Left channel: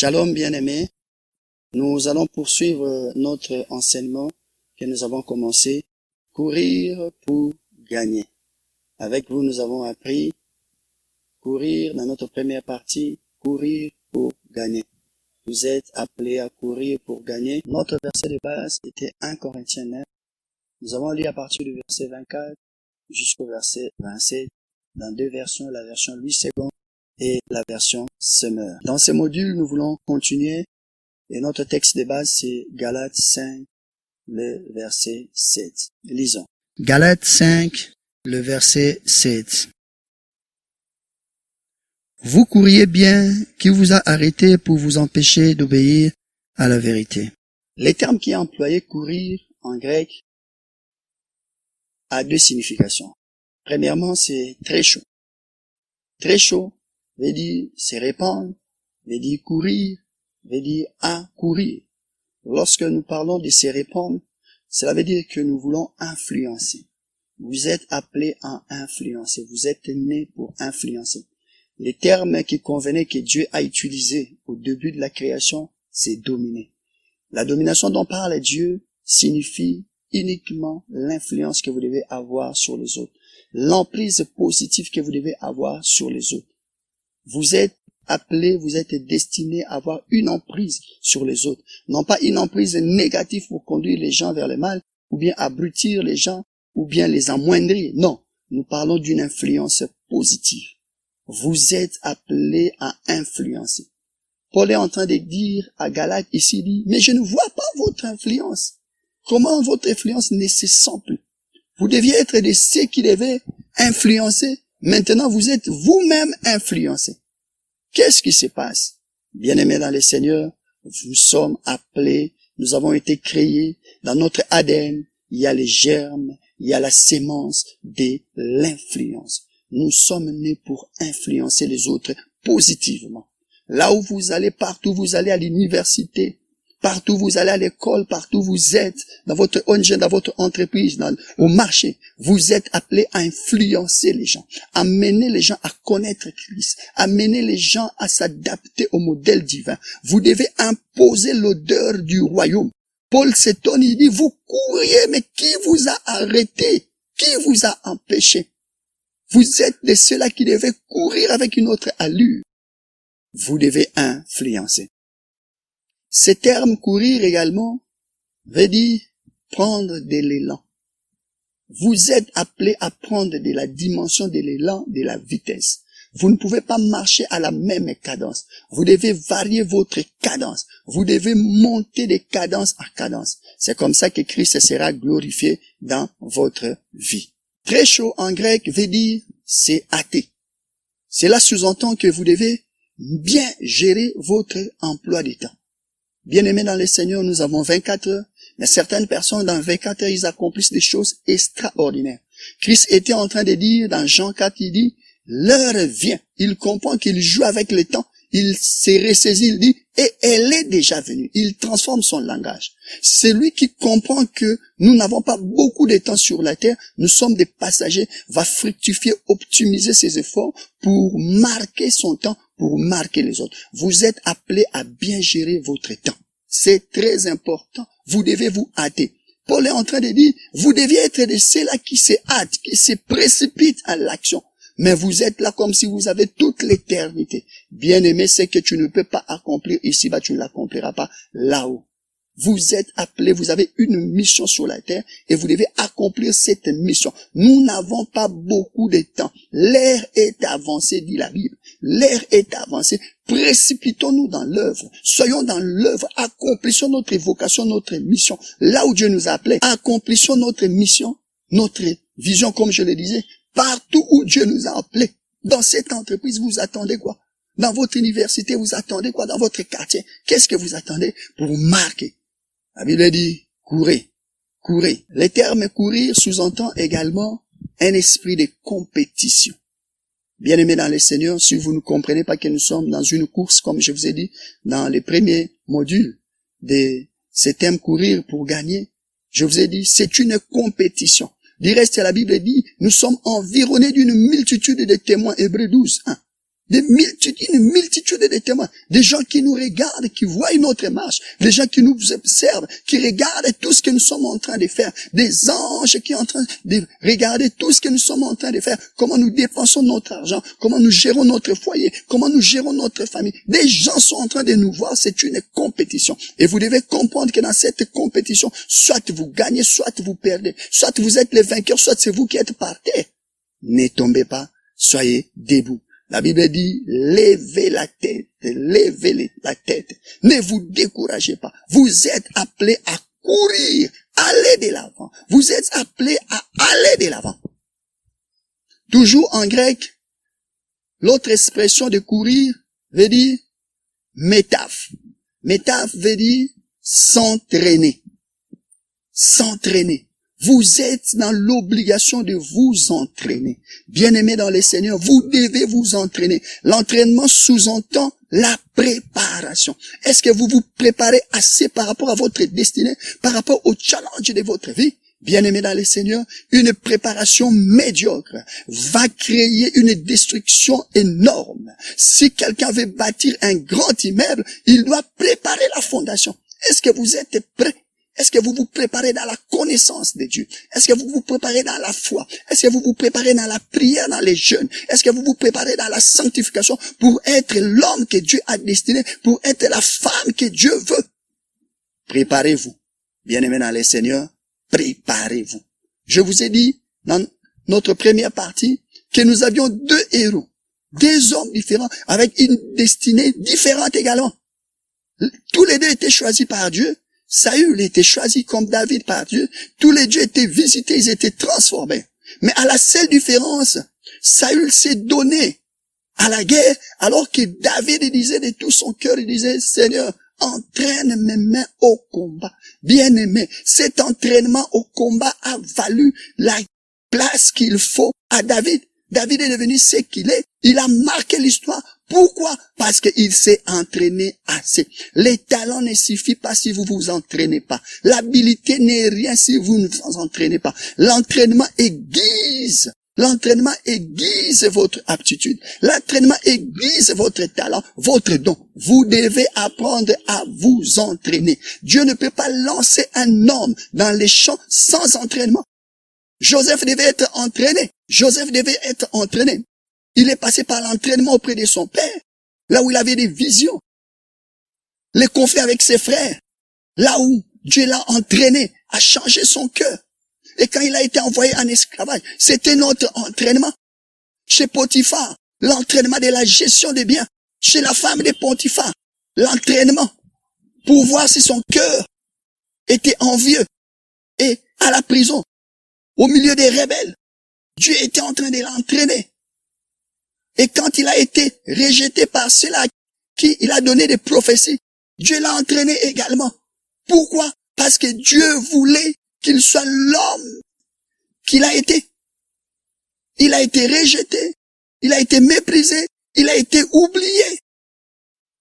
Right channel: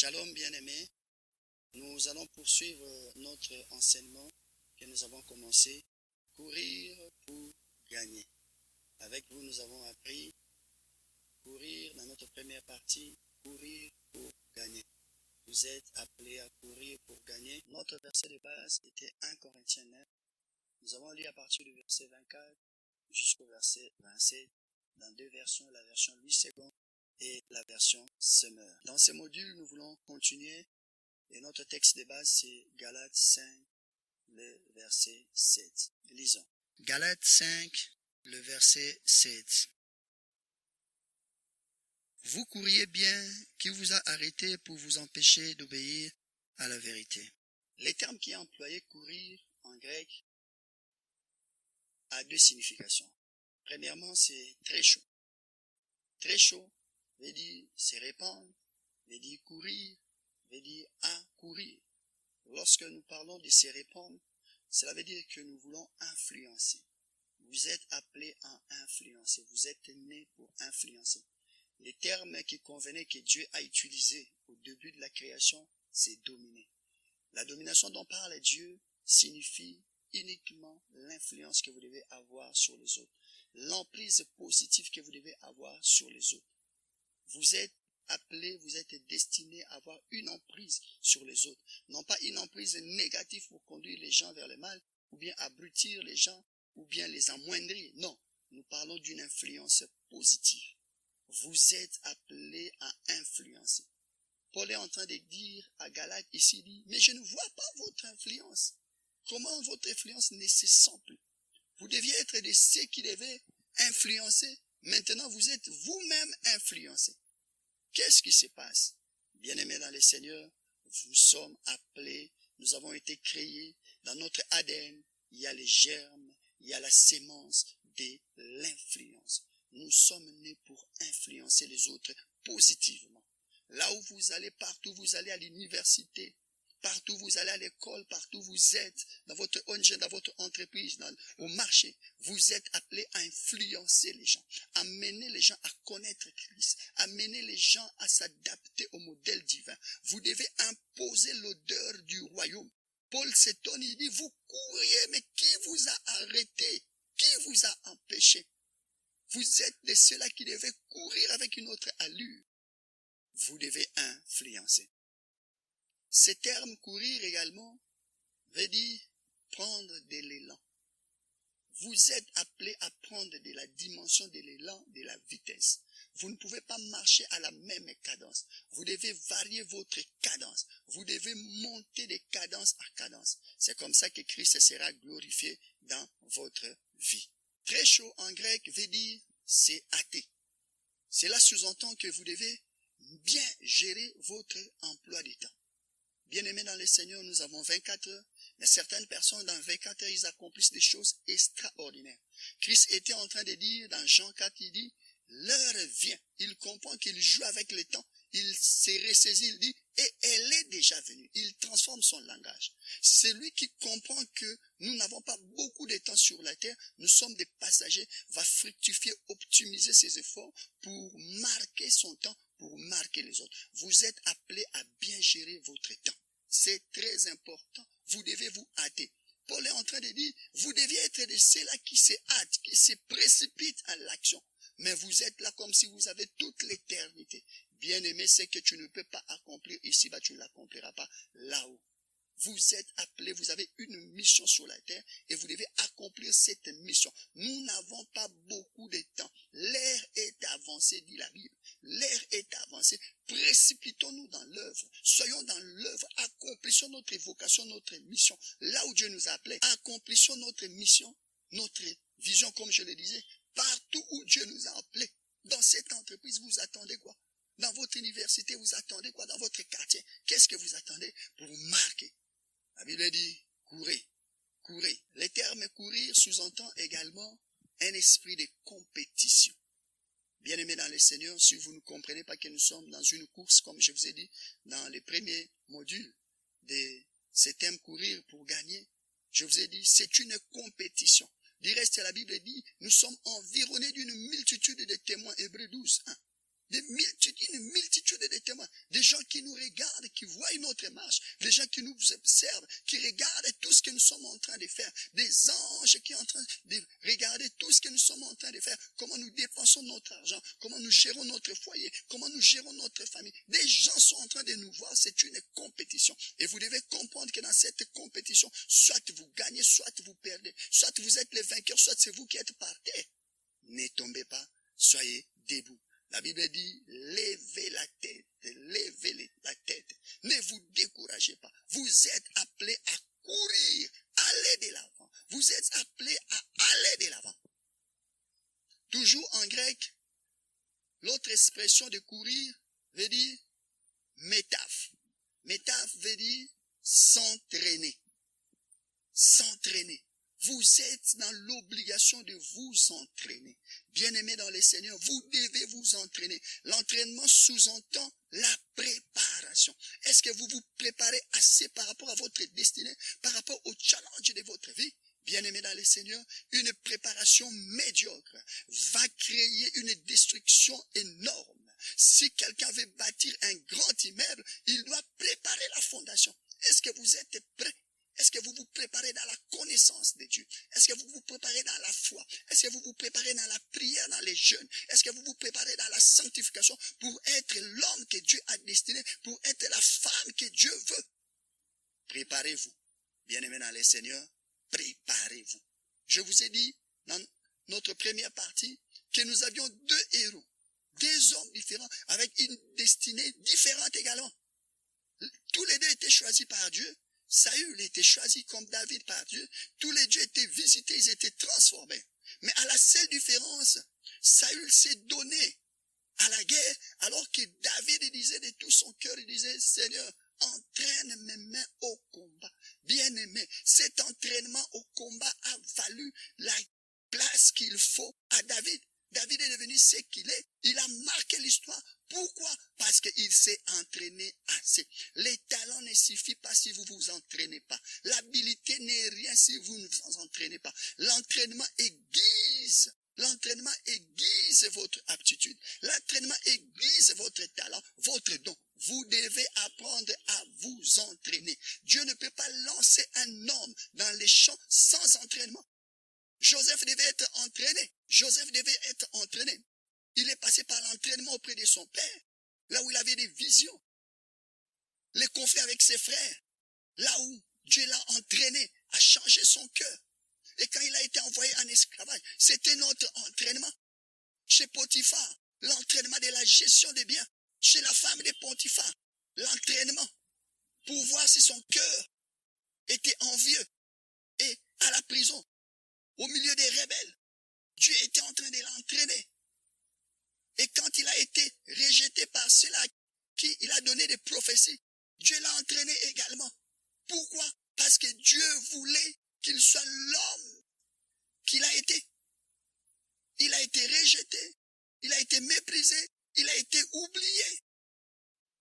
Shalom bien-aimés, nous allons poursuivre notre enseignement que nous avons commencé, courir pour gagner. Avec vous, nous avons appris courir dans notre première partie, courir pour gagner. Vous êtes appelés à courir pour gagner. Notre verset de base était 1 Corinthiens 9. Nous avons lu à partir du verset 24 jusqu'au verset 27 dans deux versions, la version Louis II et la version Semeur. Dans ces modules, nous voulons continuer et notre texte de base, c'est Galates 5, le verset 7. Lisons. Galates 5, le verset 7. Vous courriez bien, qui vous a arrêté pour vous empêcher d'obéir à la vérité. Le terme qui est employé courir en grec a deux significations. Premièrement, c'est très chaud. Très chaud veut dire se répandre, veut dire courir, veut dire à courir. Lorsque nous parlons de se répandre, cela veut dire que nous voulons influencer. Vous êtes appelés à influencer. Vous êtes nés pour influencer. Les termes qui convenaient que Dieu a utilisés au début de la création, c'est dominer. La domination dont parle Dieu signifie uniquement l'influence que vous devez avoir sur les autres, l'emprise positive que vous devez avoir sur les autres. Vous êtes appelés, vous êtes destinés à avoir une emprise sur les autres. Non pas une emprise négative pour conduire les gens vers le mal, ou bien abrutir les gens, ou bien les amoindrir. Non, nous parlons d'une influence positive. Vous êtes appelés à influencer. Paul est en train de dire à Galates ici, dit, mais je ne vois pas votre influence. Comment votre influence ne se sent plus? Vous deviez être de ceux qui devaient influencer. Maintenant, vous êtes vous-même influencés. Qu'est-ce qui se passe? Bien-aimés dans le Seigneur, nous sommes appelés, nous avons été créés. Dans notre ADN, il y a les germes, il y a la sémence de l'influence. Nous sommes nés pour influencer les autres positivement. Là où vous allez, partout vous allez à l'université, partout vous allez à l'école, partout vous êtes, dans votre ONG, dans votre entreprise, au marché, vous êtes appelés à influencer les gens, à mener les gens à connaître Christ, à mener les gens à s'adapter au modèle divin. Vous devez imposer l'odeur du royaume. Paul s'étonne, il dit, vous couriez, mais qui vous a arrêté? Qui vous a empêché? Vous êtes de ceux-là qui devaient courir avec une autre allure. Vous devez influencer. Ce terme courir également veut dire prendre de l'élan. Vous êtes appelés à prendre de la dimension de l'élan, de la vitesse. Vous ne pouvez pas marcher à la même cadence. Vous devez varier votre cadence. Vous devez monter de cadence en cadence. C'est comme ça que Christ sera glorifié dans votre vie. Très chaud en grec veut dire c'est hâté. Cela sous-entend que vous devez bien gérer votre emploi du temps. Bien-aimés dans le Seigneur, nous avons 24 heures, mais certaines personnes dans 24 heures, ils accomplissent des choses extraordinaires. Christ était en train de dire dans Jean 4, il dit, l'heure vient. Il comprend qu'il joue avec le temps. Il s'est ressaisi, il dit, et elle est déjà venue. Il transforme son langage. Celui qui comprend que nous n'avons pas beaucoup de temps sur la terre, nous sommes des passagers, va fructifier, optimiser ses efforts pour marquer son temps, pour marquer les autres. Vous êtes appelés à bien gérer votre temps. C'est très important. Vous devez vous hâter. Paul est en train de dire, vous deviez être de ceux-là qui se hâtent, qui se précipitent à l'action. Mais vous êtes là comme si vous avez toute l'éternité. Bien-aimé, c'est que tu ne peux pas accomplir ici-bas, tu ne l'accompliras pas là-haut. Vous êtes appelés, vous avez une mission sur la terre et vous devez accomplir cette mission. Nous n'avons pas beaucoup de temps. L'ère est avancée, dit la Bible. L'ère est avancée. Précipitons-nous dans l'œuvre. Soyons dans l'œuvre. Accomplissons notre vocation, notre mission. Là où Dieu nous a appelés, accomplissons notre mission, notre vision, comme je le disais. Partout où Dieu nous a appelés. Dans cette entreprise, vous attendez quoi? Dans votre université, vous attendez quoi? Dans votre quartier, qu'est-ce que vous attendez pour marquer? La Bible dit, courez, courez. Le terme courir sous-entend également un esprit de compétition. Bien-aimés dans le Seigneur, si vous ne comprenez pas que nous sommes dans une course, comme je vous ai dit, dans les premiers modules de ce terme courir pour gagner, je vous ai dit, c'est une compétition. Du reste, la Bible dit, nous sommes environnés d'une multitude de témoins, Hébreux 12, 1. une multitude de témoins, des gens qui nous regardent, qui voient notre marche, des gens qui nous observent, qui regardent tout ce que nous sommes en train de faire, des anges qui sont en train de regarder tout ce que nous sommes en train de faire, comment nous dépensons notre argent, comment nous gérons notre foyer, comment nous gérons notre famille. Des gens sont en train de nous voir, c'est une compétition. Et vous devez comprendre que dans cette compétition, soit vous gagnez, soit vous perdez, soit vous êtes les vainqueurs, soit c'est vous qui êtes par terre. Ne tombez pas, soyez debout. La Bible dit, levez la tête, levez la tête. Ne vous découragez pas. Vous êtes appelés à courir, aller de l'avant. Vous êtes appelés à aller de l'avant. Toujours en grec, l'autre expression de courir veut dire métaphe. Métaphe veut dire s'entraîner. S'entraîner. Vous êtes dans l'obligation de vous entraîner. Bien-aimés dans le Seigneur, vous devez vous entraîner. L'entraînement sous-entend la préparation. Est-ce que vous vous préparez assez par rapport à votre destinée, par rapport au challenge de votre vie? Bien-aimés dans le Seigneur, une préparation médiocre va créer une destruction énorme. Si quelqu'un veut bâtir un grand immeuble, il doit préparer la fondation. Est-ce que vous êtes prêts? Est-ce que vous vous préparez dans la connaissance de Dieu? Est-ce que vous vous préparez dans la foi? Est-ce que vous vous préparez dans la prière, dans les jeûnes? Est-ce que vous vous préparez dans la sanctification pour être l'homme que Dieu a destiné, pour être la femme que Dieu veut? Préparez-vous. Bien-aimés dans le Seigneur, préparez-vous. Je vous ai dit dans notre première partie que nous avions deux héros, deux hommes différents avec une destinée différente également. Tous les deux étaient choisis par Dieu. Saül était choisi comme David par Dieu. Tous les dieux étaient visités, ils étaient transformés. Mais à la seule différence, Saül s'est donné à la guerre, alors que David disait de tout son cœur, il disait, Seigneur, entraîne mes mains au combat. Bien-aimé, cet entraînement au combat a valu la place qu'il faut à David. David est devenu ce qu'il est. Il a marqué l'histoire. Pourquoi? Parce qu'il s'est entraîné assez. Les talents ne suffisent pas si vous vous entraînez pas. L'habilité n'est rien si vous ne vous entraînez pas. L'entraînement aiguise. L'entraînement aiguise votre aptitude. L'entraînement aiguise votre talent, votre don. Vous devez apprendre à vous entraîner. Dieu ne peut pas lancer un homme dans les champs sans entraînement. Joseph devait être entraîné. Joseph devait être entraîné. Il est passé par l'entraînement auprès de son père, là où il avait des visions. Les conflits avec ses frères, là où Dieu l'a entraîné à changer son cœur. Et quand il a été envoyé en esclavage, c'était notre entraînement. Chez Potiphar, l'entraînement de la gestion des biens. Chez la femme de Potiphar, l'entraînement pour voir si son cœur était envieux. Et à la prison, au milieu des rebelles, Dieu était en train de l'entraîner. Et quand il a été rejeté par ceux-là qui il a donné des prophéties, Dieu l'a entraîné également. Pourquoi? Parce que Dieu voulait qu'il soit l'homme qu'il a été. Il a été rejeté, il a été méprisé, il a été oublié.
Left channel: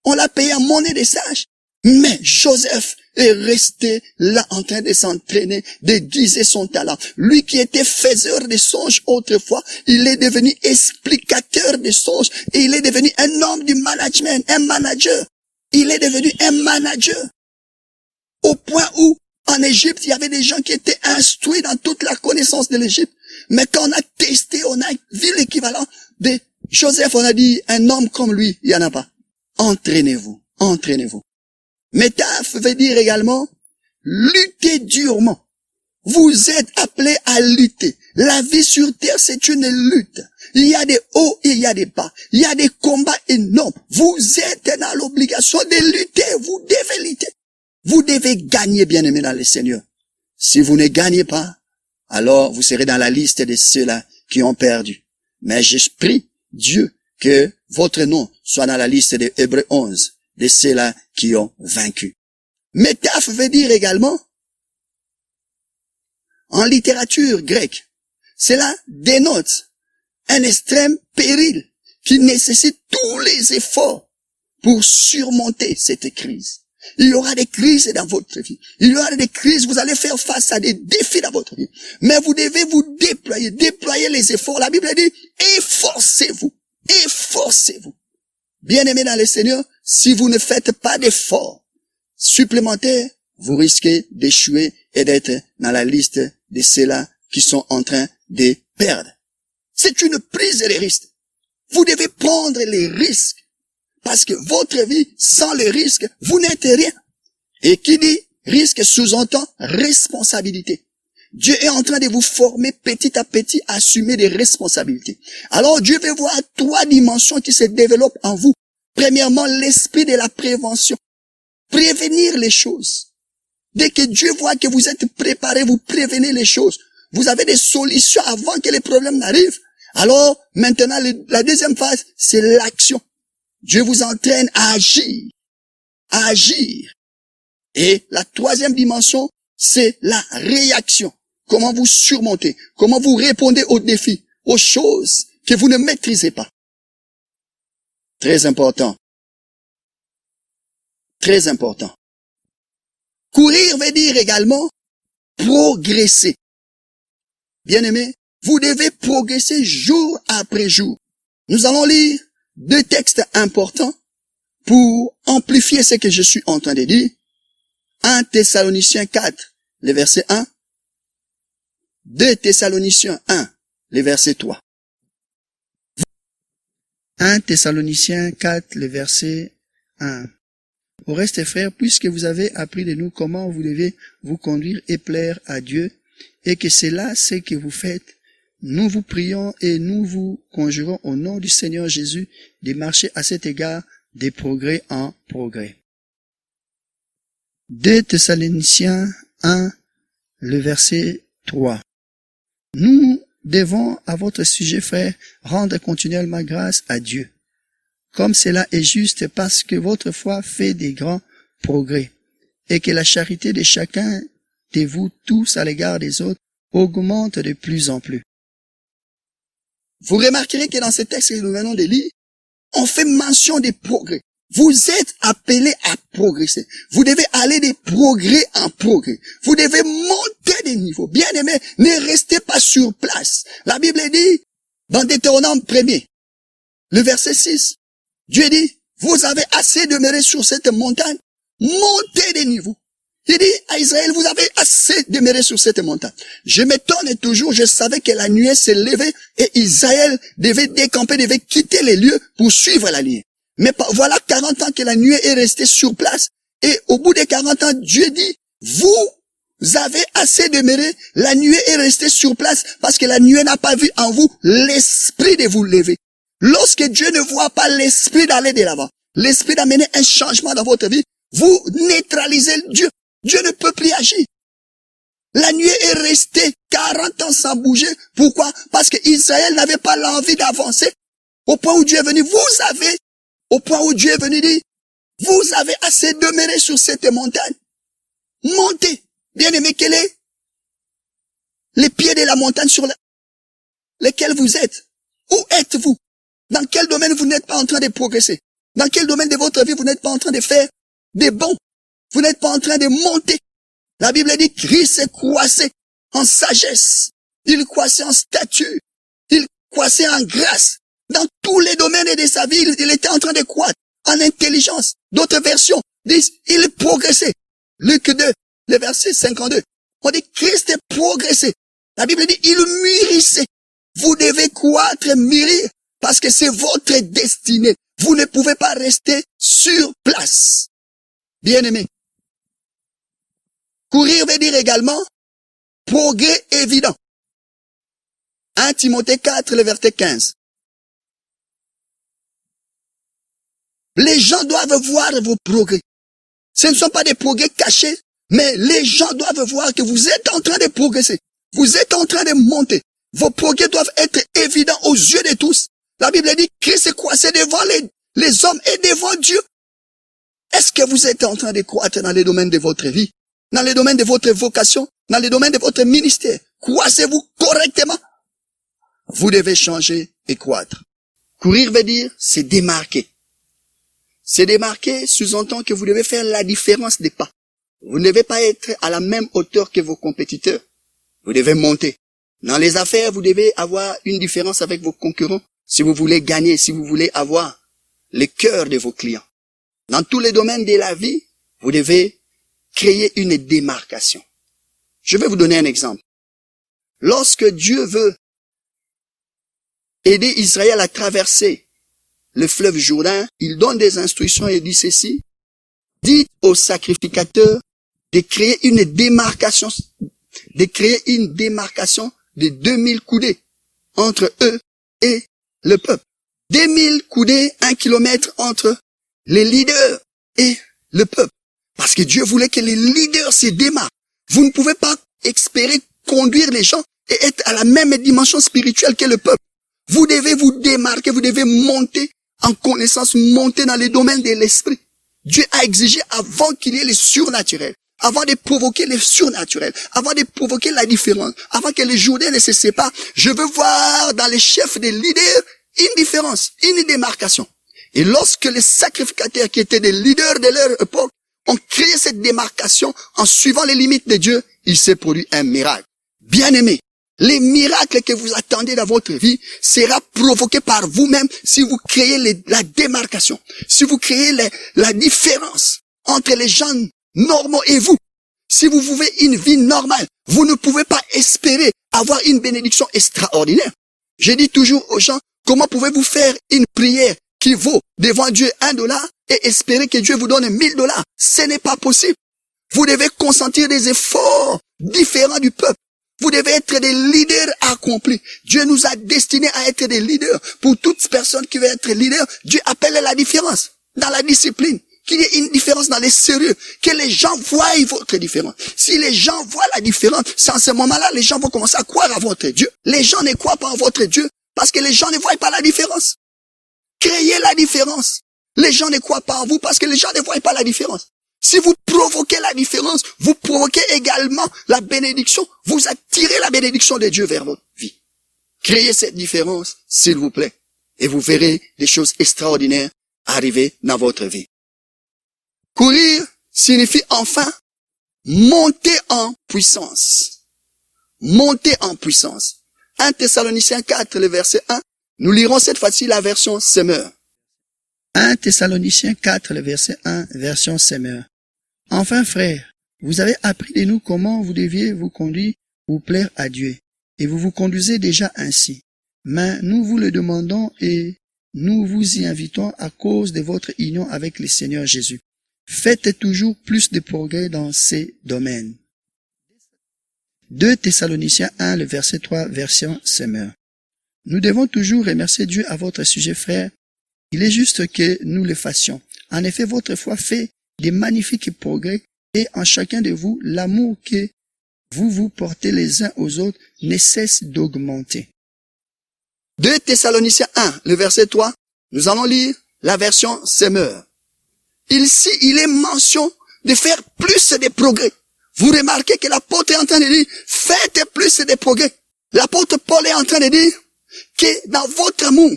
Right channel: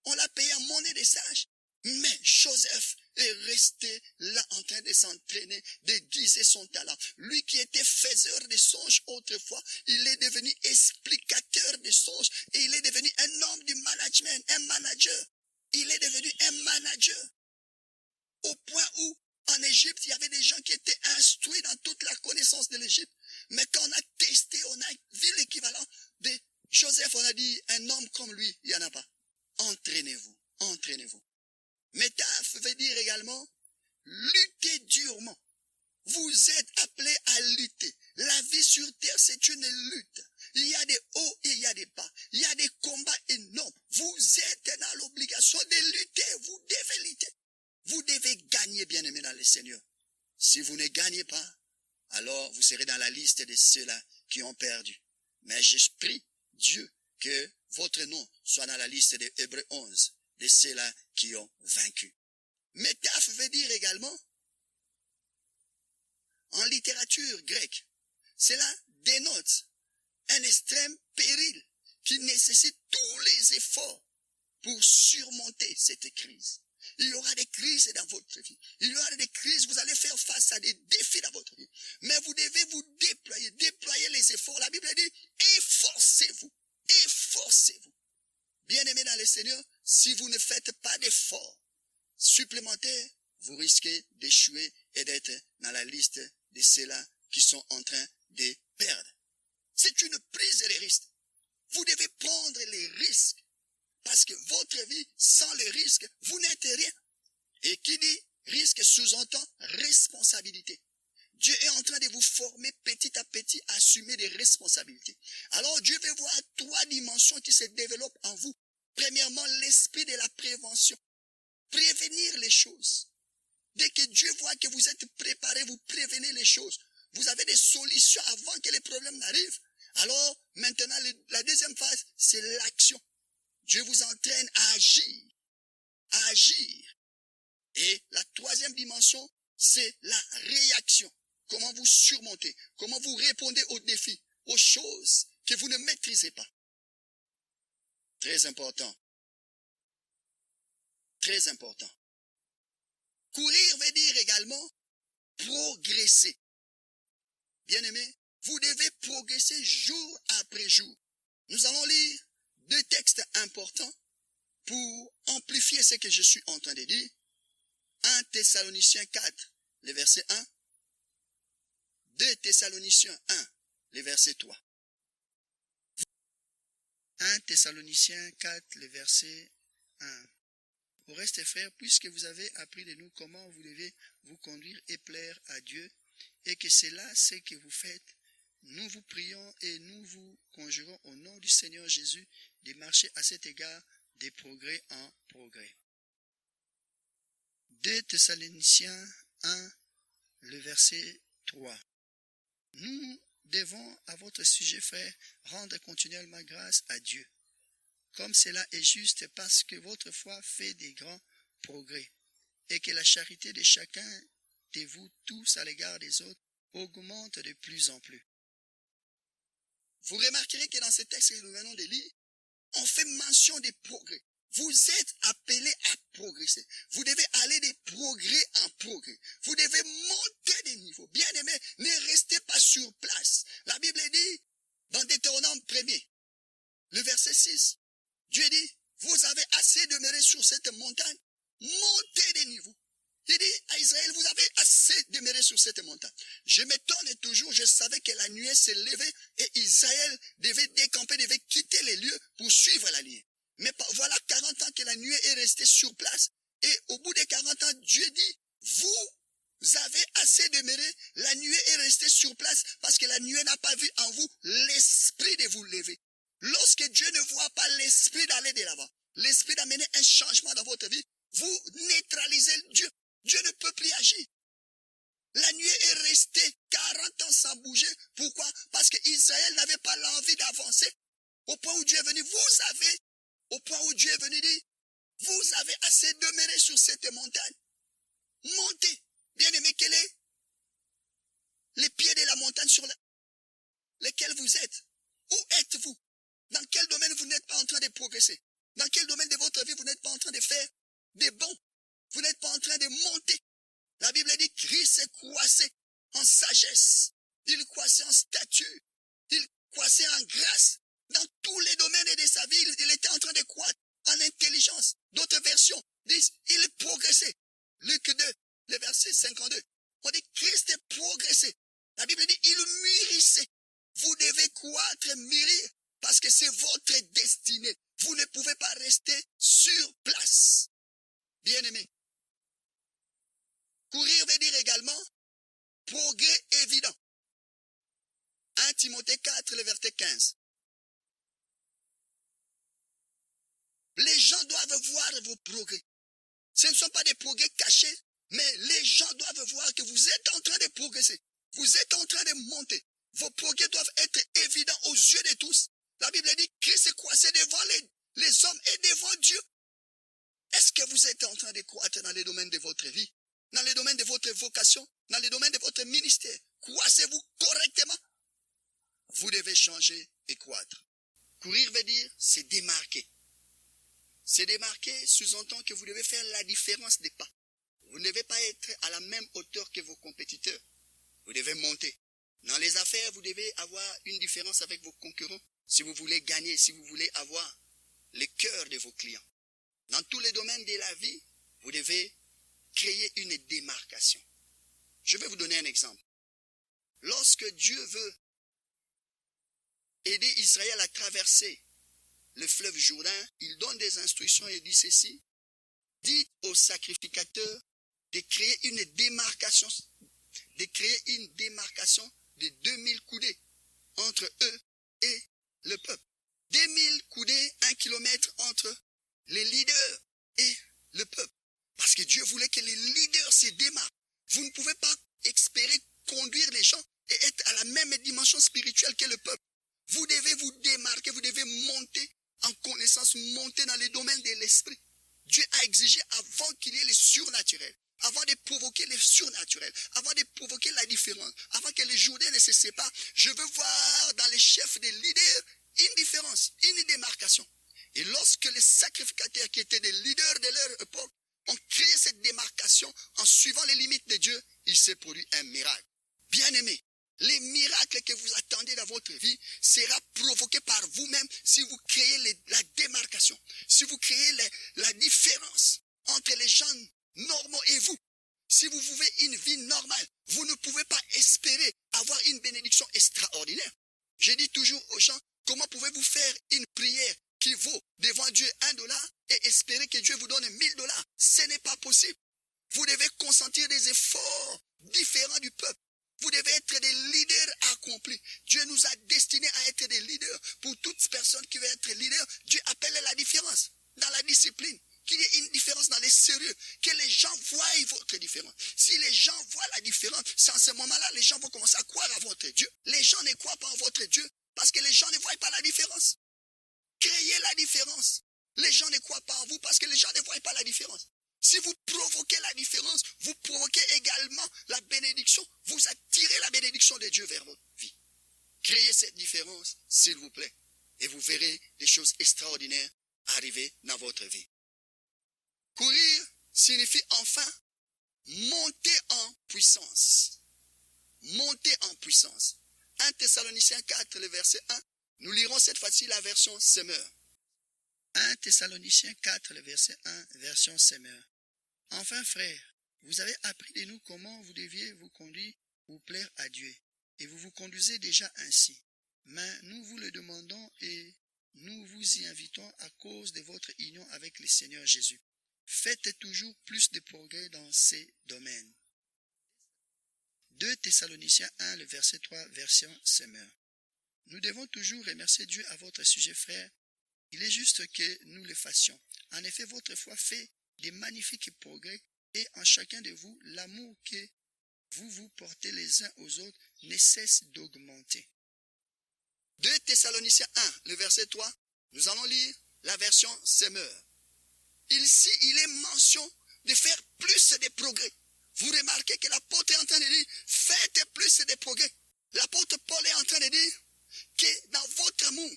On l'a payé en monnaie des sages. Mais Joseph est resté là en train de s'entraîner, d'aiguiser son talent. Lui qui était faiseur de songes autrefois, il est devenu explicateur de songes et il est devenu un homme du management, un manager. Il est devenu un manager. Au point où, en Égypte, il y avait des gens qui étaient instruits dans toute la connaissance de l'Égypte. Mais quand on a testé, on a vu l'équivalent de Joseph, on a dit, un homme comme lui, il n'y en a pas. Entraînez-vous, entraînez-vous. Métaphe veut dire également lutter durement. Vous êtes appelés à lutter. La vie sur terre, c'est une lutte. Il y a des hauts et il y a des bas. Il y a des combats énormes. Vous êtes dans l'obligation de lutter. Vous devez lutter. Vous devez gagner, bien-aimés dans le Seigneur. Si vous ne gagnez pas, alors vous serez dans la liste de ceux-là qui ont perdu. Mais je prie Dieu que votre nom soit dans la liste de Hébreux 11. De ceux-là qui ont vaincu. Métaphe veut dire également, en littérature grecque, cela dénote un extrême péril qui nécessite tous les efforts pour surmonter cette crise. Il y aura des crises dans votre vie. Il y aura des crises, vous allez faire face à des défis dans votre vie. Mais vous devez vous déployer les efforts. La Bible dit, efforcez-vous, efforcez-vous. Bien-aimés dans le Seigneur, si vous ne faites pas d'efforts supplémentaires, vous risquez d'échouer et d'être dans la liste de ceux-là qui sont en train de perdre. C'est une prise de risque. Vous devez prendre les risques parce que votre vie, sans le risque, vous n'êtes rien. Et qui dit risque sous-entend responsabilité. Dieu est en train de vous former petit à petit à assumer des responsabilités. Alors Dieu veut voir 3 dimensions qui se développent en vous. Premièrement, l'esprit de la prévention. Prévenir les choses. Dès que Dieu voit que vous êtes préparé, vous prévenez les choses. Vous avez des solutions avant que les problèmes n'arrivent. Alors, maintenant, la deuxième phase, c'est l'action. Dieu vous entraîne à agir. À agir. Et la troisième dimension, c'est la réaction. Comment vous surmontez, comment vous répondez aux défis, aux choses que vous ne maîtrisez pas. Très important. Très important. Courir veut dire également progresser. Bien-aimés, vous devez progresser jour après jour. Nous allons lire 2 textes importants pour amplifier ce que je suis en train de dire. 1 Thessaloniciens 4, le verset 1. 2 Thessaloniciens 1, le verset 3. 1 Thessaloniciens 4, le verset 1. Au reste, frères, puisque vous avez appris de nous comment vous devez vous conduire et plaire à Dieu, et que c'est là ce que vous faites, nous vous prions et nous vous conjurons au nom du Seigneur Jésus de marcher à cet égard des progrès en progrès. 2 Thessaloniciens 1, le verset 3. Nous devons, à votre sujet, frères, rendre continuellement grâce à Dieu, comme cela est juste parce que votre foi fait des grands progrès, et que la charité de chacun de vous tous à l'égard des autres augmente de plus en plus. Vous remarquerez que dans ce texte que nous venons de lire, on fait mention des progrès. Vous êtes appelés à progresser. Vous devez aller de progrès en progrès. Vous devez monter des niveaux. Bien-aimés, ne restez pas sur place. La Bible dit, dans Deutéronome 1er, le verset 6, Dieu dit, vous avez assez demeuré sur cette montagne, montez des niveaux. Il dit à Israël, vous avez assez demeuré sur cette montagne. Je m'étonne toujours, je savais que la nuée s'est levée et Israël devait décamper, devait quitter les lieux pour suivre la nuée. Mais voilà 40 ans que la nuée est restée sur place. Et au bout des 40 ans, Dieu dit, vous avez assez demeuré, la nuée est restée sur place parce que la nuée n'a pas vu en vous l'esprit de vous lever. Lorsque Dieu ne voit pas l'esprit d'aller de l'avant, l'esprit d'amener un changement dans votre vie, vous neutralisez Dieu. Dieu ne peut plus agir. La nuée est restée 40 ans sans bouger. Pourquoi? Parce que Israël n'avait pas l'envie d'avancer. Au point où Dieu est venu, au point où Dieu est venu dire, vous avez assez demeuré sur cette montagne. Montez. Bien-aimé, quel est les pieds de la montagne sur lesquels vous êtes? Où êtes-vous? Dans quel domaine vous n'êtes pas en train de progresser? Dans quel domaine de votre vie vous n'êtes pas en train de faire des bons? Vous n'êtes pas en train de monter. La Bible dit, Christ croissait en sagesse. Il croissait en stature. Il croissait en grâce. Dans tous les domaines de sa vie, il était en train de croître. En intelligence. D'autres versions disent, il progressait. Luc 2, le verset 52. On dit, Christ est progressé. La Bible dit, il mûrissait. Vous devez croître, mûrir, parce que c'est votre destinée. Vous ne pouvez pas rester sur place. Bien-aimé. Courir veut dire également progrès évident. 1 Timothée 4, le verset 15. Les gens doivent voir vos progrès. Ce ne sont pas des progrès cachés, mais les gens doivent voir que vous êtes en train de progresser. Vous êtes en train de monter. Vos progrès doivent être évidents aux yeux de tous. La Bible dit que Christ croissait devant les hommes et devant Dieu. Est-ce que vous êtes en train de croître dans les domaines de votre vie? Dans les domaines de votre vocation, dans les domaines de votre ministère? Croissez-vous correctement? Vous devez changer et croître. Courir veut dire se démarquer. Se démarquer sous-entend que vous devez faire la différence des pas. Vous ne devez pas être à la même hauteur que vos compétiteurs. Vous devez monter. Dans les affaires, vous devez avoir une différence avec vos concurrents. Si vous voulez gagner, si vous voulez avoir les cœurs de vos clients. Dans tous les domaines de la vie, vous devez créer une démarcation. Je vais vous donner un exemple. Lorsque Dieu veut aider Israël à traverser le fleuve Jourdain, il donne des instructions et dit ceci: dites aux sacrificateurs de créer une démarcation de 2000 coudées entre eux et le peuple. 2000 coudées, 1 kilomètre entre les leaders et le peuple. Parce que Dieu voulait que les leaders se démarquent. Vous ne pouvez pas espérer conduire les gens et être à la même dimension spirituelle que le peuple. Vous devez vous démarquer, vous devez monter en connaissance, monter dans les domaines de l'esprit. Dieu a exigé avant qu'il y ait le surnaturel, avant de provoquer le surnaturel, avant de provoquer la différence, avant que les Jourdains ne se séparent, je veux voir dans les chefs des leaders une différence, une démarcation. Et lorsque les sacrificateurs qui étaient des leaders de leur époque ont créé cette démarcation en suivant les limites de Dieu, il s'est produit un miracle. Bien-aimés, les miracles que vous attendez dans votre vie sera provoqué par vous-même si vous créez la démarcation, si vous créez la différence entre les gens normaux et vous. Si vous vivez une vie normale, vous ne pouvez pas espérer avoir une bénédiction extraordinaire. Je dis toujours aux gens, comment pouvez-vous faire une prière qui vaut devant Dieu $1 et espérer que Dieu vous donne $1000? Ce n'est pas possible. Vous devez consentir des efforts différents du peuple. Vous devez être des leaders accomplis. Dieu nous a destinés à être des leaders. Pour toute personne qui veut être leader, Dieu appelle la différence dans la discipline. Qu'il y ait une différence dans les sérieux. Que les gens voient votre différence. Si les gens voient la différence, c'est en ce moment-là, les gens vont commencer à croire à votre Dieu. Les gens ne croient pas en votre Dieu parce que les gens ne voient pas la différence. Créez la différence. Les gens ne croient pas en vous parce que les gens ne voient pas la différence. Si vous provoquez la différence, vous provoquez également la bénédiction. Vous attirez la bénédiction de Dieu vers votre vie. Créez cette différence, s'il vous plaît. Et vous verrez des choses extraordinaires arriver dans votre vie. Courir signifie enfin monter en puissance. Monter en puissance. 1 Thessaloniciens 4, le verset 1. Nous lirons cette fois-ci la version Semeur. 1 Thessaloniciens 4, le verset 1, version Semeur. Enfin, frères, vous avez appris de nous comment vous deviez vous conduire pour plaire à Dieu, et vous vous conduisez déjà ainsi. Mais nous vous le demandons et nous vous y invitons à cause de votre union avec le Seigneur Jésus. Faites toujours plus de progrès dans ces domaines. 2 Thessaloniciens 1, le verset 3, version Semeur. Nous devons toujours remercier Dieu à votre sujet, frères. Il est juste que nous le fassions. En effet, votre foi fait des magnifiques progrès et en chacun de vous, l'amour que vous vous portez les uns aux autres ne cesse d'augmenter. 2 Thessaloniciens 1, le verset 3, nous allons lire la version Semeur. Ici, il est mention de faire plus de progrès. Vous remarquez que l'apôtre est en train de dire, faites plus de progrès. L'apôtre Paul est en train de dire que dans votre amour,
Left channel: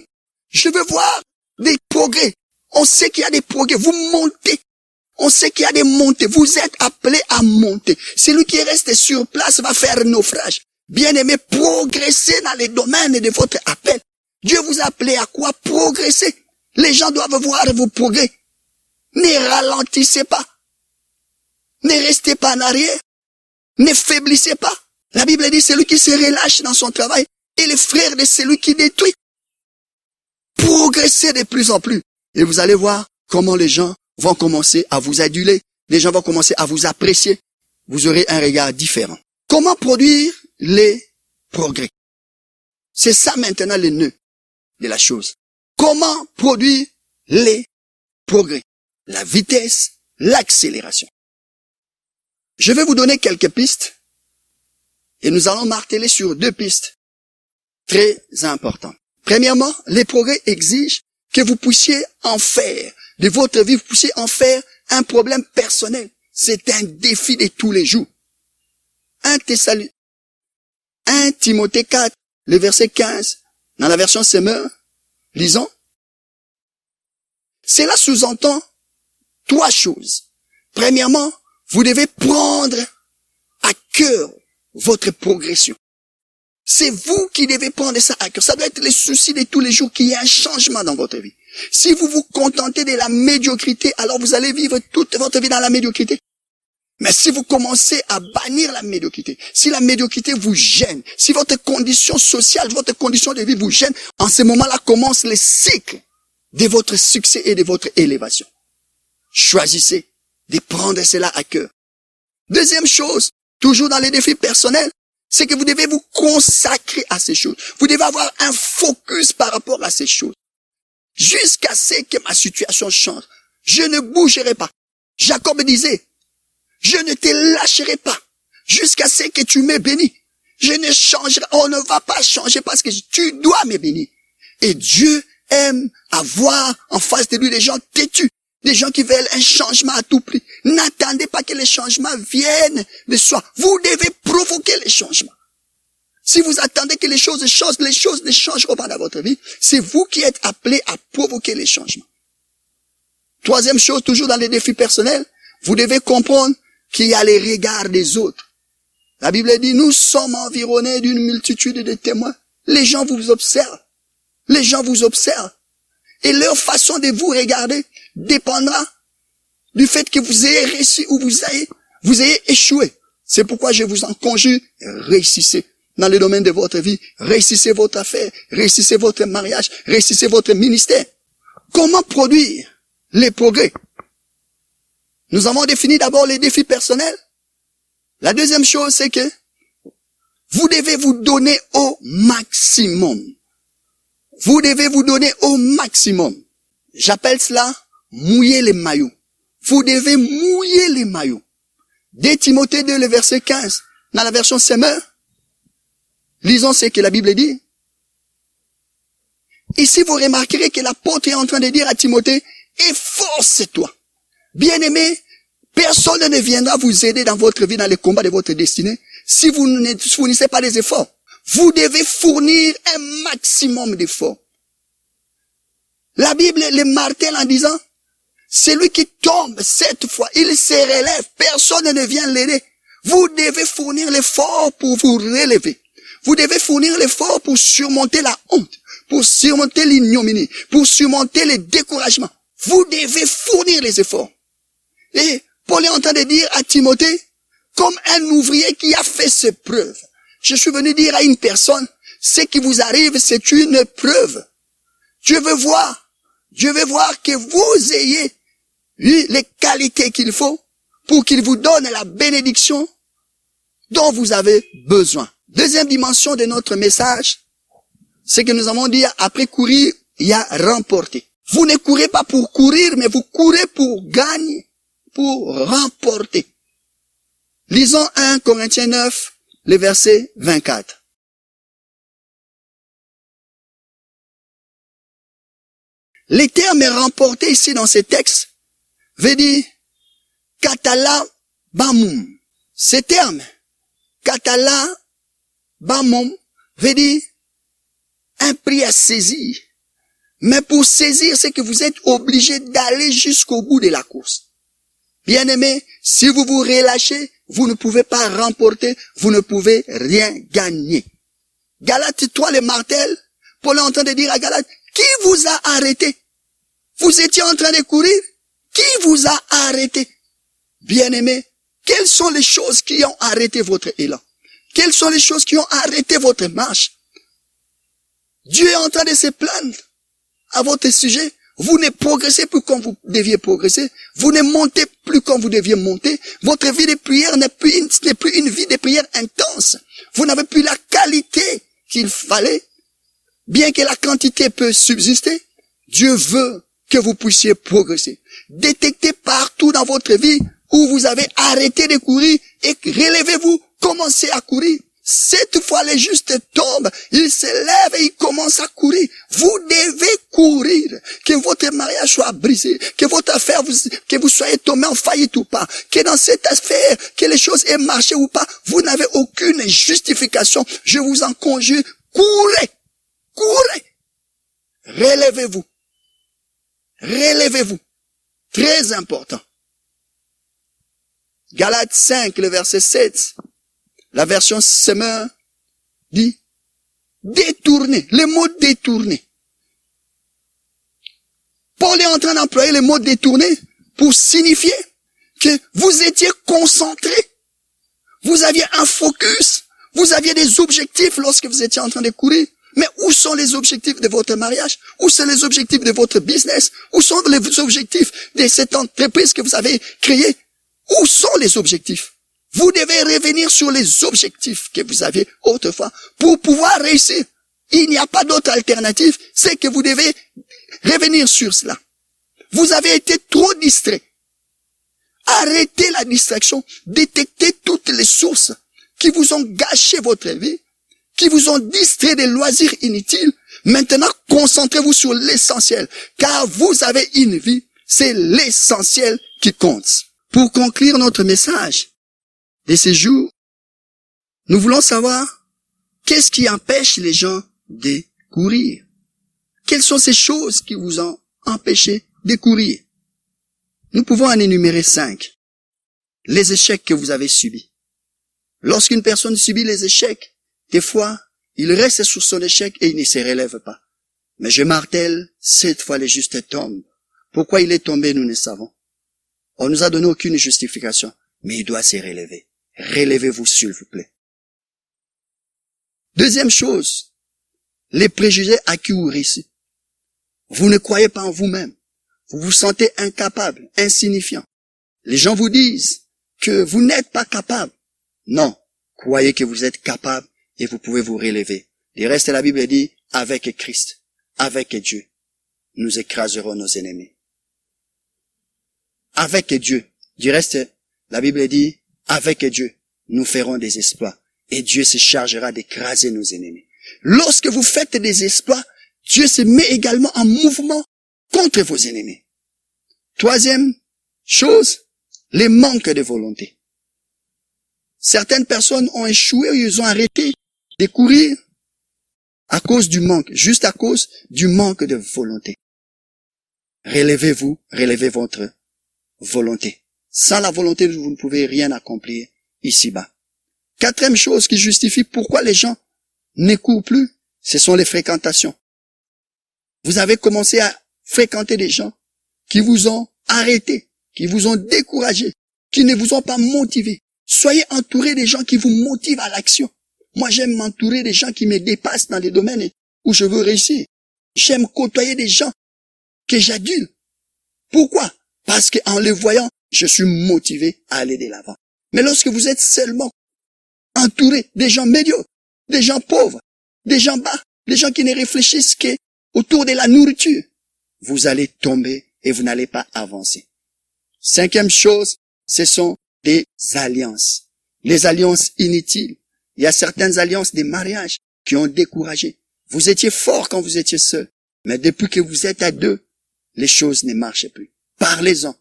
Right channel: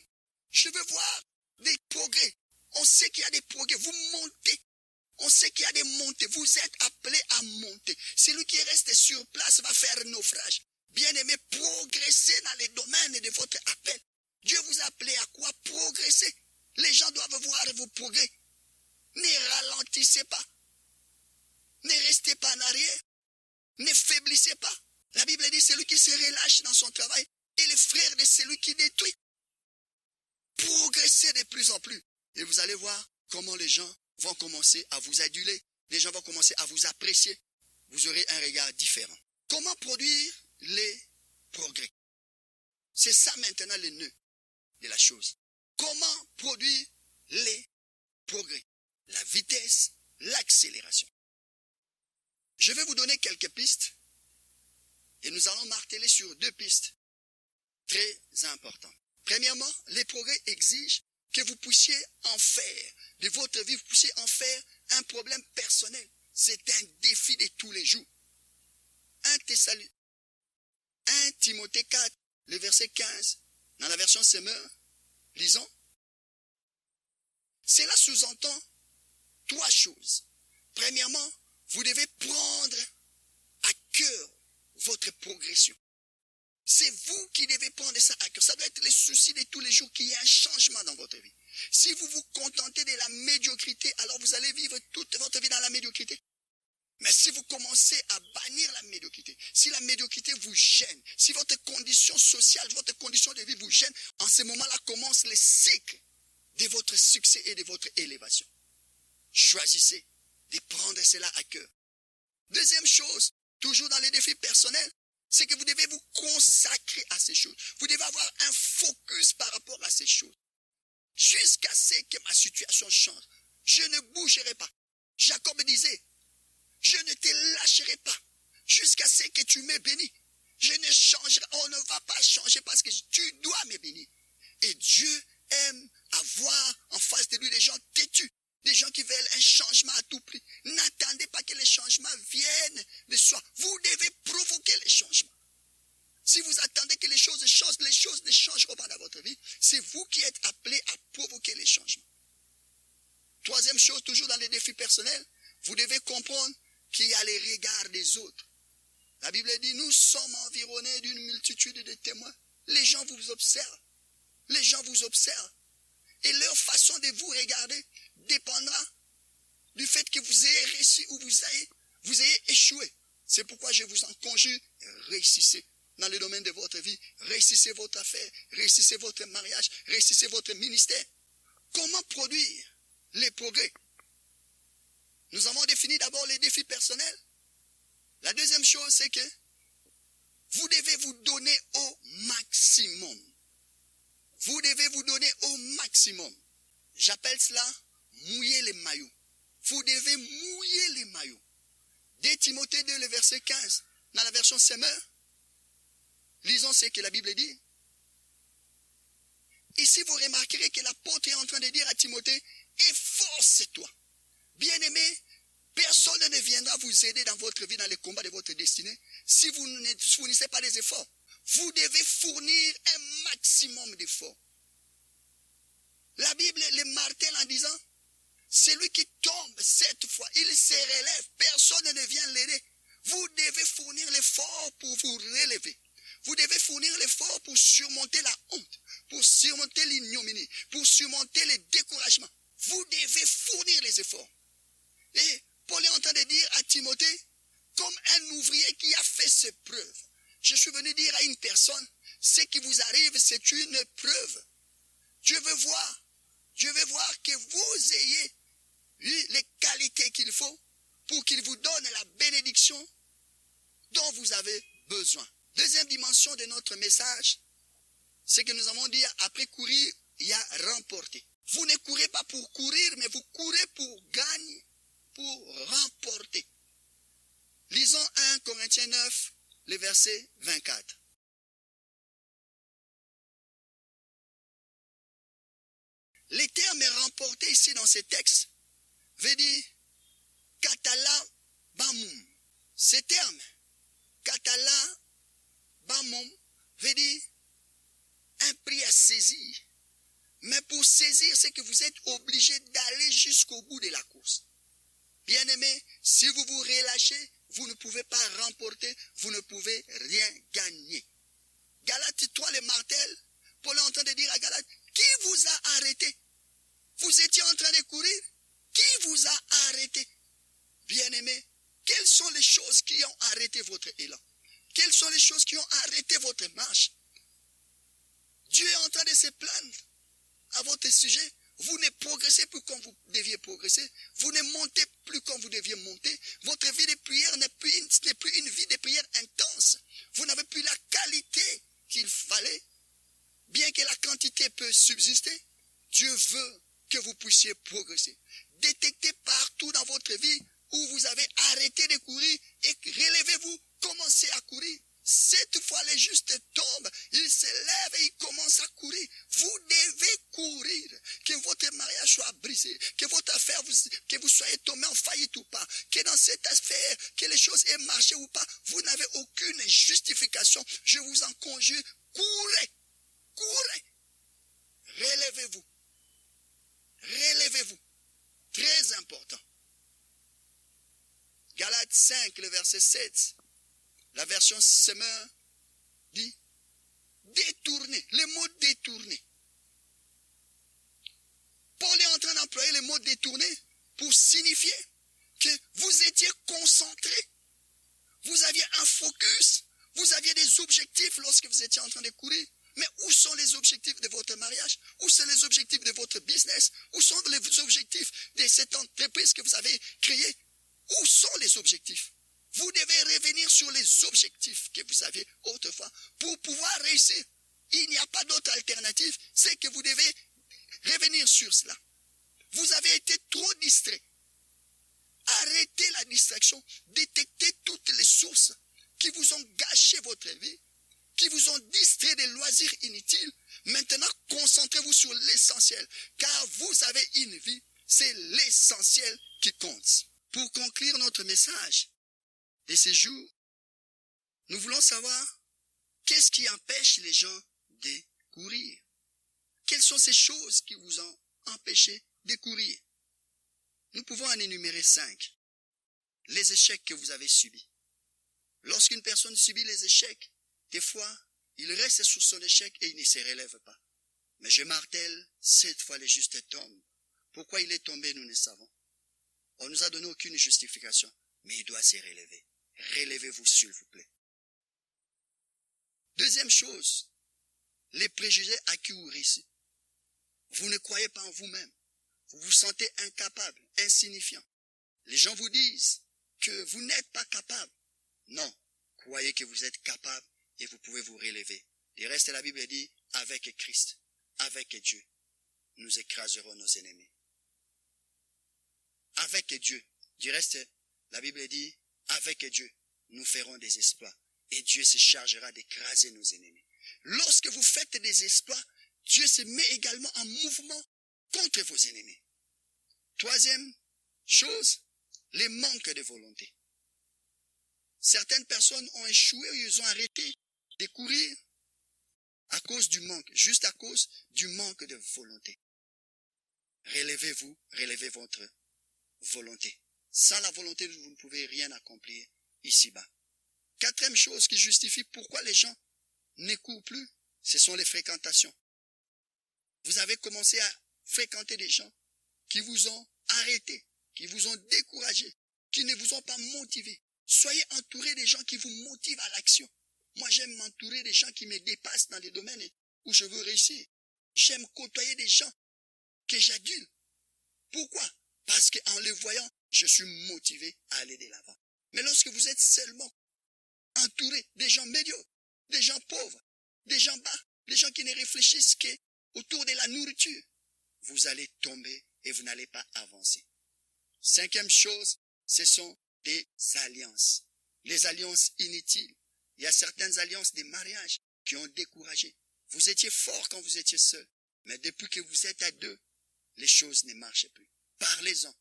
je veux voir des progrès. On sait qu'il y a des progrès. Vous montez. On sait qu'il y a des montées. Vous êtes appelés à monter. Celui qui reste sur place va faire naufrage. Bien-aimé, progressez dans les domaines de votre appel. Dieu vous a appelé à quoi? Progresser. Les gens doivent voir vos progrès. Ne ralentissez pas. Ne restez pas en arrière. Ne faiblissez pas. La Bible dit celui qui se relâche dans son travail est le frère de celui qui détruit. Progressez de plus en plus. Et vous allez voir comment les gens vont commencer à vous aduler. Les gens vont commencer à vous apprécier. Vous aurez un regard différent. Comment produire les progrès? C'est ça maintenant le nœud de la chose. Comment produire les progrès? La vitesse, l'accélération. Je vais vous donner quelques pistes et nous allons marteler sur 2 pistes très importantes. Premièrement, les progrès exigent que vous puissiez en faire de votre vie, vous puissiez en faire un problème personnel. C'est un défi de tous les jours. 1 Timothée 4, le verset 15, dans la version Semeur, lisons. Cela sous-entend 3 choses. Premièrement, vous devez prendre à cœur votre progression. C'est vous qui devez prendre ça à cœur. Ça doit être le souci de tous les jours qu'il y ait un changement dans votre vie. Si vous vous contentez de la médiocrité, alors vous allez vivre toute votre vie dans la médiocrité. Mais si vous commencez à bannir la médiocrité, si la médiocrité vous gêne, si votre condition sociale, votre condition de vie vous gêne, en ce moment-là commence le cycle de votre succès et de votre élévation. Choisissez de prendre cela à cœur. Deuxième chose, toujours dans les défis personnels, c'est que vous devez vous consacrer à ces choses. Vous devez avoir un focus par rapport à ces choses. Jusqu'à ce que ma situation change. Je ne bougerai pas. Jacob disait, je ne te lâcherai pas jusqu'à ce que tu me bénis. Je ne changerai, on ne va pas changer parce que tu dois me bénir. Et Dieu aime avoir en face de lui des gens têtus, des gens qui veulent un changement à tout prix. N'attendez pas que les changements viennent de soi. Vous devez provoquer les changements. Si vous attendez que les choses changent ne changeront pas dans votre vie. C'est vous qui êtes appelés à provoquer les changements. Troisième chose, toujours dans les défis personnels, vous devez comprendre qu'il y a les regards des autres. La Bible dit, nous sommes environnés d'une multitude de témoins. Les gens vous observent. Les gens vous observent. Et leur façon de vous regarder dépendra du fait que vous ayez réussi ou vous ayez échoué. C'est pourquoi je vous en conjure, réussissez dans le domaine de votre vie. Réussissez votre affaire, réussissez votre mariage, réussissez votre ministère. Comment produire les progrès? Nous avons défini d'abord les défis personnels. La deuxième chose, c'est que vous devez vous donner au maximum. Vous devez vous donner au maximum. J'appelle cela mouiller les maillots. Vous devez mouiller les maillots. 2 Timothée 2, le verset 15, dans la version Semeur, lisons ce que la Bible dit. Ici, vous remarquerez que l'apôtre est en train de dire à Timothée, efforce-toi. Bien-aimé, personne ne viendra vous aider dans votre vie, dans les combats de votre destinée, si vous ne fournissez pas des efforts. Vous devez fournir un maximum d'efforts. La Bible le martèle en disant, celui qui tombe 7 fois, il se relève, personne ne vient l'aider. Vous devez fournir l'effort pour vous relever. Vous devez fournir l'effort pour surmonter la honte, pour surmonter l'ignominie, pour surmonter le découragement. Vous devez fournir les efforts. Et Paul est en train de dire à Timothée, comme un ouvrier qui a fait ses preuves. Je suis venu dire à une personne, ce qui vous arrive, c'est une preuve. Dieu veut voir que vous ayez eu les qualités qu'il faut pour qu'il vous donne la bénédiction dont vous avez besoin. Deuxième dimension de notre message, c'est que nous avons dit, après courir, il y a remporter. Vous ne courez pas pour courir, mais vous courez pour gagner, pour remporter. Lisons 1 Corinthiens 9, le verset 24. Les termes remportés ici dans ces textes veut dire katala bamum. Ces termes, katala bamum, veut dire un prix à saisir. Mais pour saisir, c'est que vous êtes obligé d'aller jusqu'au bout de la course. Bien-aimés, si vous vous relâchez, vous ne pouvez pas remporter, vous ne pouvez rien gagner. Galates 3, le martel, Paul est en train de dire à Galates, qui vous a arrêté? Vous étiez en train de courir? Qui vous a arrêté? Bien-aimés, quelles sont les choses qui ont arrêté votre élan? Quelles sont les choses qui ont arrêté votre marche? Dieu est en train de se plaindre à votre sujet. Vous ne progressez plus comme vous deviez progresser. Vous ne montez plus comme vous deviez monter. Votre vie de prière n'est plus une vie de prière intense. Vous n'avez plus la qualité qu'il fallait. Bien que la quantité peut subsister, Dieu veut que vous puissiez progresser. Détectez partout dans votre vie où vous avez arrêté de courir et relevez-vous, commencez à courir. 7 fois les justes tombent, ils se lèvent et ils commencent à courir. Vous devez courir. Que votre mariage soit brisé, que votre affaire, que vous soyez tombé en faillite ou pas, que dans cette affaire, que les choses aient marché ou pas, vous n'avez aucune justification. Je vous en conjure, courez, courez. Relevez-vous. Relevez-vous. Très important. Galates 5, le verset 7. La version Semeur dit détourner. Le mot détourner. Paul est en train d'employer les mots détournés pour signifier que vous étiez concentré. Vous aviez un focus. Vous aviez des objectifs lorsque vous étiez en train de courir. Mais où sont les objectifs de votre mariage? Où sont les objectifs de votre business? Où sont les objectifs de cette entreprise que vous avez créée? Où sont les objectifs? Vous devez revenir sur les objectifs que vous aviez autrefois pour pouvoir réussir. Il n'y a pas d'autre alternative, c'est que vous devez revenir sur cela. Vous avez été trop distrait. Arrêtez la distraction. Détectez toutes les sources qui vous ont gâché votre vie, qui vous ont distrait des loisirs inutiles. Maintenant, concentrez-vous sur l'essentiel, car vous avez une vie. C'est l'essentiel qui compte. Pour conclure notre message de ces jours, nous voulons savoir qu'est-ce qui empêche les gens de courir. Quelles sont ces choses qui vous ont empêché de courir? Nous pouvons en énumérer 5. Les échecs que vous avez subis. Lorsqu'une personne subit les échecs, des fois, il reste sur son échec et il ne se relève pas. Mais je martèle, cette fois le juste tombe. Pourquoi il est tombé, nous ne savons. On nous a donné aucune justification, mais il doit se relever. Relevez-vous, s'il vous plaît. Deuxième chose, les préjugés à qui vous réussissez. Vous ne croyez pas en vous-même. Vous vous sentez incapable, insignifiant. Les gens vous disent que vous n'êtes pas capable. Non, croyez que vous êtes capable et vous pouvez vous relever. Du reste, la Bible dit, avec Christ, avec Dieu, nous écraserons nos ennemis. Avec Dieu. Du reste, la Bible dit, avec Dieu, nous ferons des exploits. Et Dieu se chargera d'écraser nos ennemis. Lorsque vous faites des exploits, Dieu se met également en mouvement contre vos ennemis. Troisième chose, les manques de volonté. Certaines personnes ont échoué, ils ont arrêté de courir à cause du manque, juste à cause du manque de volonté. Relevez-vous, relevez votre volonté. Sans la volonté, vous ne pouvez rien accomplir ici-bas. Quatrième chose qui justifie pourquoi les gens ne courent plus, ce sont les fréquentations. Vous avez commencé à fréquenter des gens qui vous ont arrêté, qui vous ont découragé, qui ne vous ont pas motivé. Soyez entourés des gens qui vous motivent à l'action. Moi, j'aime m'entourer des gens qui me dépassent dans les domaines où je veux réussir. J'aime côtoyer des gens que j'adule. Pourquoi? Parce qu'en les voyant, je suis motivé à aller de l'avant. Mais lorsque vous êtes seulement entouré des gens médiocres, des gens pauvres, des gens bas, des gens qui ne réfléchissent qu'autour de la nourriture, vous allez tomber et vous n'allez pas avancer. Cinquième chose, ce sont des alliances. Les alliances inutiles. Il y a certaines alliances des mariages qui ont découragé. Vous étiez fort quand vous étiez seul. Mais depuis que vous êtes à deux, les choses ne marchent plus. Parlez-en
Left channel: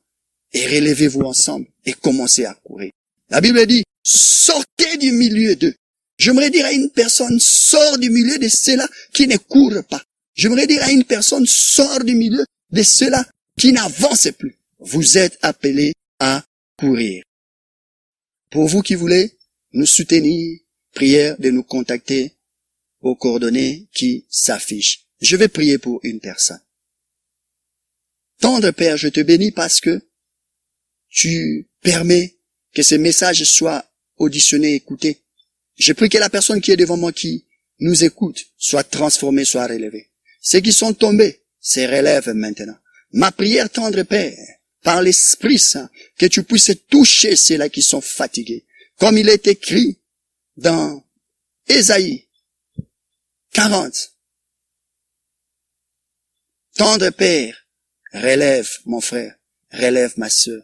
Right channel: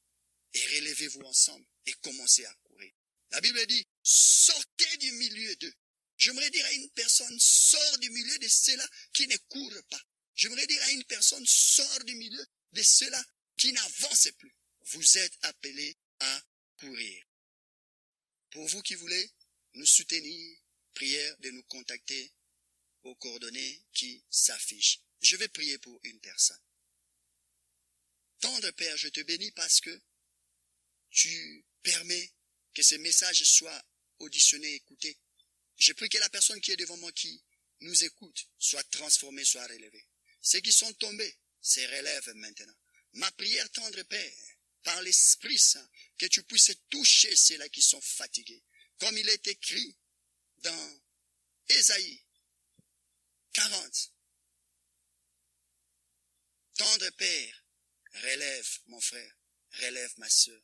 et relevez-vous ensemble et commencez à courir. La Bible dit, sortez du milieu d'eux. J'aimerais dire à une personne, sors du milieu de ceux-là qui ne courent pas. J'aimerais dire à une personne, sors du milieu de ceux-là qui n'avancent plus. Vous êtes appelés à courir. Pour vous qui voulez nous soutenir, prière de nous contacter aux coordonnées qui s'affichent. Je vais prier pour une personne. Tendre Père, je te bénis parce que tu permets que ces messages soient auditionnés, écoutés. Je prie que la personne qui est devant moi, qui nous écoute, soit transformée, soit relevée. Ceux qui sont tombés se relèvent maintenant. Ma prière, tendre Père, par l'Esprit Saint, que tu puisses toucher ceux-là qui sont fatigués. Comme il est écrit dans Ésaïe 40. Tendre Père, relève mon frère, relève ma sœur.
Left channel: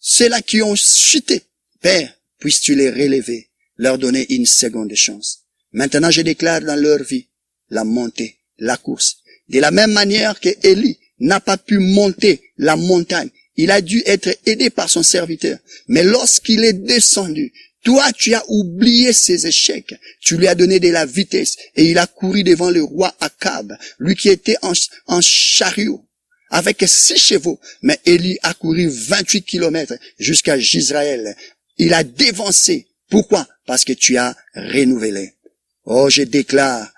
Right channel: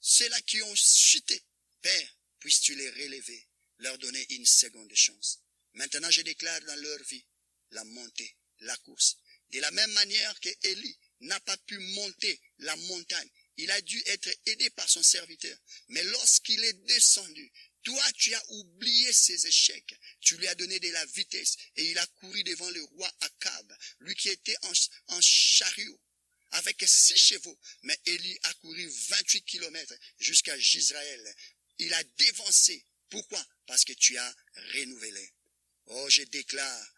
Ceux-là qui ont chuté, Père, puisses-tu les relever, leur donner une seconde chance. Maintenant, je déclare dans leur vie la montée, la course. De la même manière que Élie n'a pas pu monter la montagne, il a dû être aidé par son serviteur. Mais lorsqu'il est descendu, toi, tu as oublié ses échecs. Tu lui as donné de la vitesse et il a couru devant le roi Akab, lui qui était en chariot, avec 6 chevaux. Mais Élie a couru 28 kilomètres jusqu'à Jisraël. Il a dévancé. Pourquoi? Parce que tu as renouvelé. Oh, je déclare,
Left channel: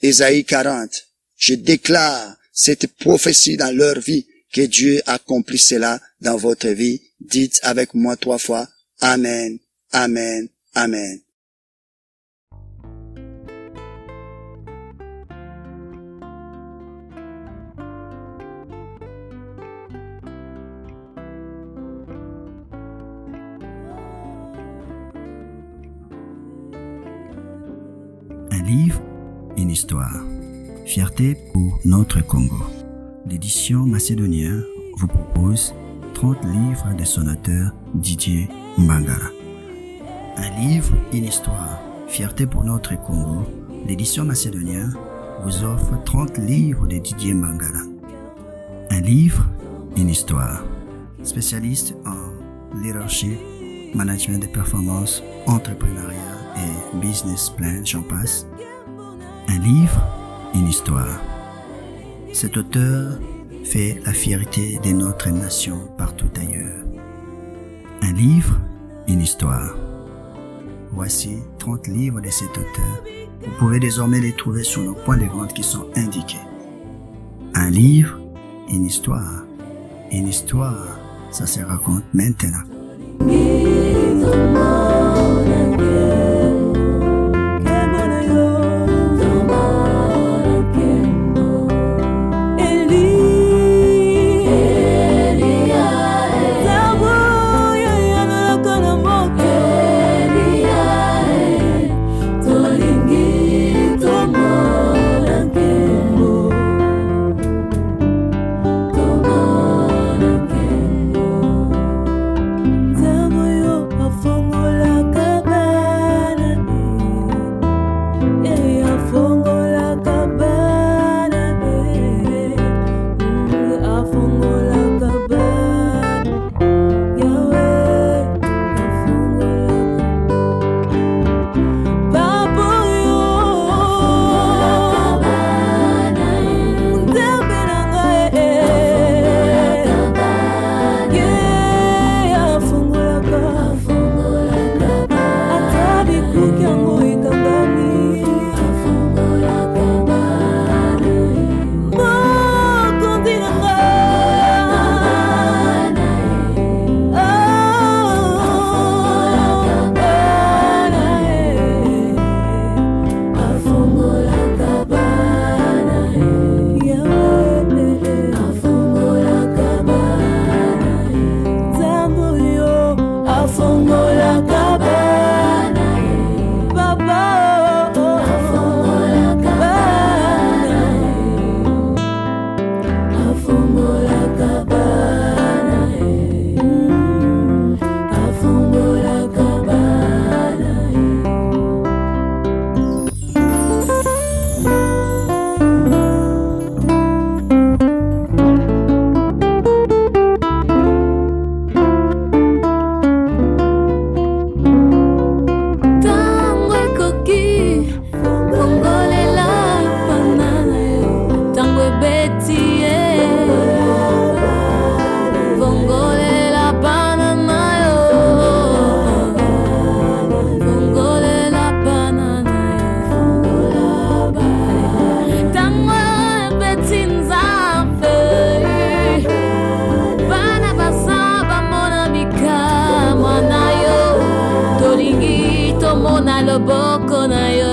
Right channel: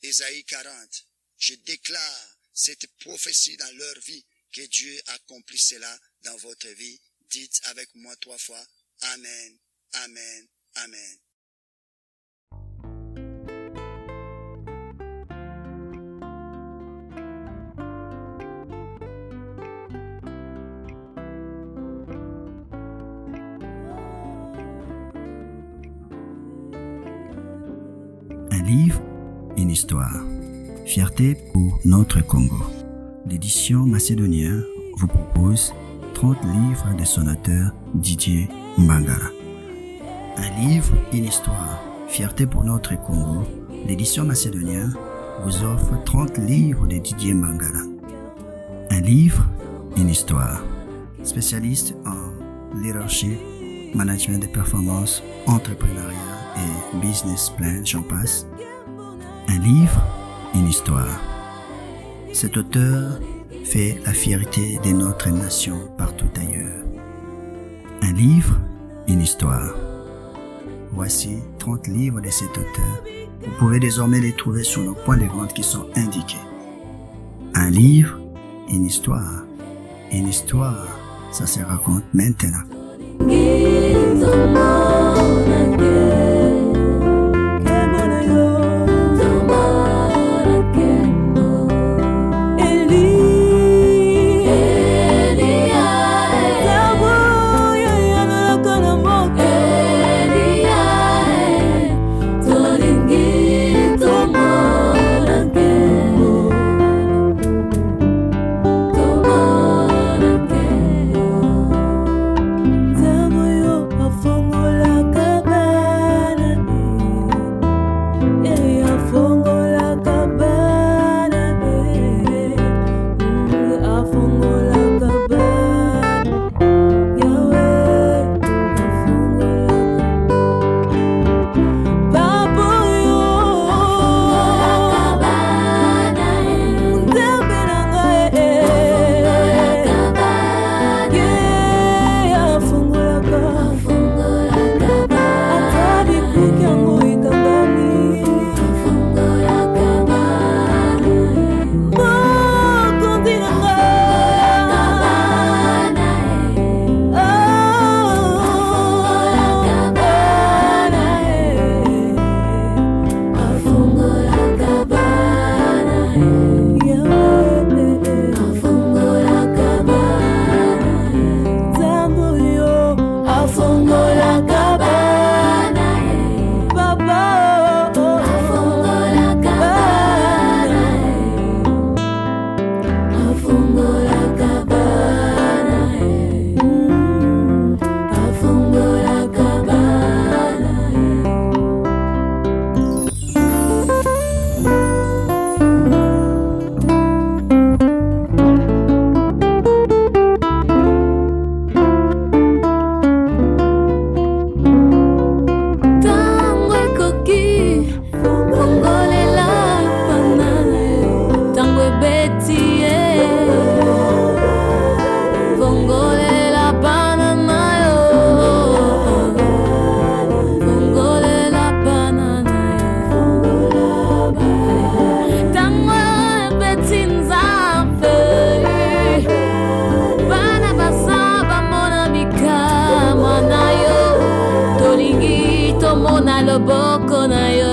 Ésaïe 40, je déclare cette prophétie dans leur vie, que Dieu accomplisse cela dans votre vie. Dites avec moi 3 fois, Amen, Amen, Amen. Un livre, une histoire. Fierté pour notre Congo. L'édition macédonien vous propose 30 livres de son auteur Didier Mbangala. Un livre, une histoire. Fierté pour notre Congo. L'édition macédonien vous offre 30 livres de Didier Mbangala. Un livre, une histoire. Spécialiste en leadership, management de performance, entrepreneuriat et business plan, j'en passe. Un livre, une histoire. Cet auteur fait la fierté de notre nation partout ailleurs. Un livre, une histoire. Voici 30 livres de cet auteur. Vous pouvez désormais les trouver sur nos points de vente qui sont indiqués. Un livre, une histoire. Une histoire, ça se raconte maintenant. Loboko na yo.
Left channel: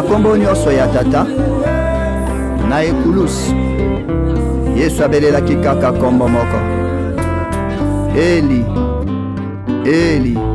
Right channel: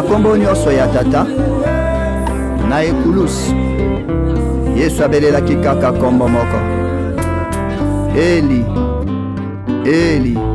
na kombo nyonso ya tata na ekulusu Yesu abelelaki kaka kombo moko Eli Eli